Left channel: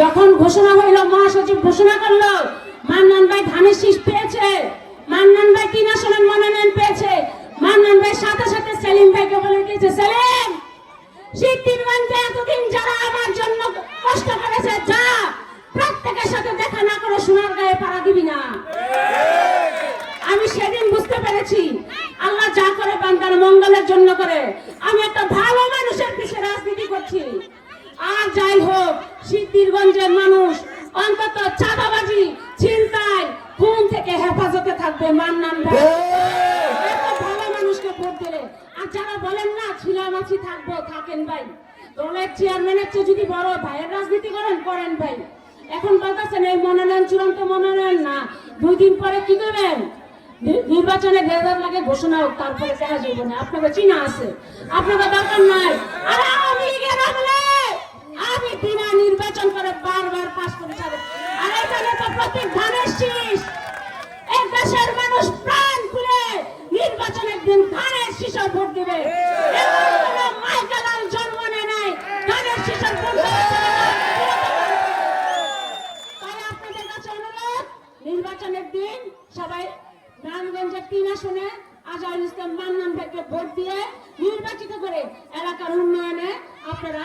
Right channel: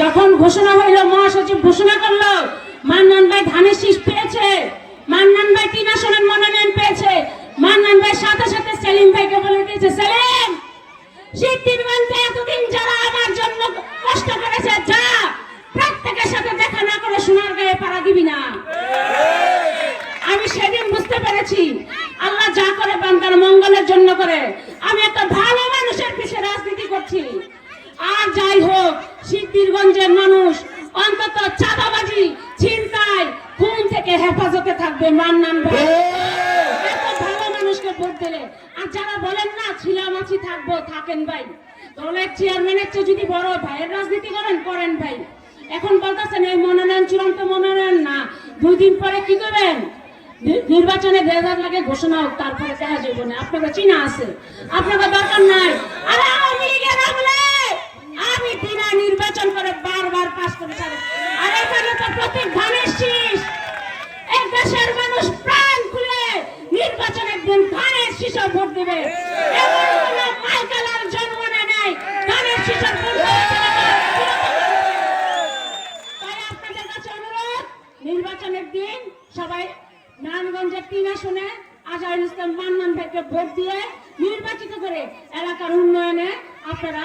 যখন ঘোষণা হইল, মহাসচিব ঘোষণা করলো মান্নান ভাই ধানের শীষ পেয়েছে, মান্নান ভাই 3 আসনের মনোনয়ন পেয়েছে, মান্নান ভাই সাথে সাথে সেলিম ভাইকে বলে দিয়েছে, সেলিম সিদ্ধিরগঞ্জে এতদিন যারা আমার জন্য কষ্ট করেছে, যা প্রত্যেকের সাথে দেখা না করে সোনার গায়ে পাড়া দিবি না। আমি সেদিন বুঝতে পেরেছি আল্লাহ যা করে বান্দার মঙ্গলের জন্য করে। আমি একটা ভালো মানুষের পিছে রাজনীতি করছি। আর যাই হোক, সিদ্ধিরগঞ্জের মানুষ অন্তত চাঁদাবাজি, ছিনতাই, খুন থেকে হেফাজতে থাকবে মান্নান ভাই। এত ভালো মানুষকে ভোট দিলে। আর যারা বলেন না ছিলামাছি থাকবো, থাকেন ভাই। দলের চেয়ারম্যানের চেয়ে যদি বড় ভাইয়ের রাজনীতি করেন ভাই। এখন বলতেছেন এই মনোনয়ন চূড়ান্ত মনোনয়ন না, 2 দিন পরে কি করবেন? নির্বাচনে রেজাল্ট লাগে, ঘোষণা হোক, তারপরে দেখা যাবে না। আপনাদের চিনা আছে, আপনাদের দরকার নাই। আরে আওয়ামী লীগের আমলে আমি বিনা নির্বাচন করে বারবার পাস করে যাবো। আর এখানে তো প্রত্যেক ধানের শীষ। এই দেশের মানুষ প্রাণ খুলে নির্বাচনের দিন ধানের শীষে ভোট দেবে। মাইকেলাল জন্ম নেয় ধানের শীষের ভোট নির্বাচনের দিন সবাই নারায়ণগঞ্জের 3 আসনে আজহারুল ইসলাম মান্নান ভাইকে ভোট দিয়ে নির্বাচিত করে এলাকার উন্নয়নে আপনারা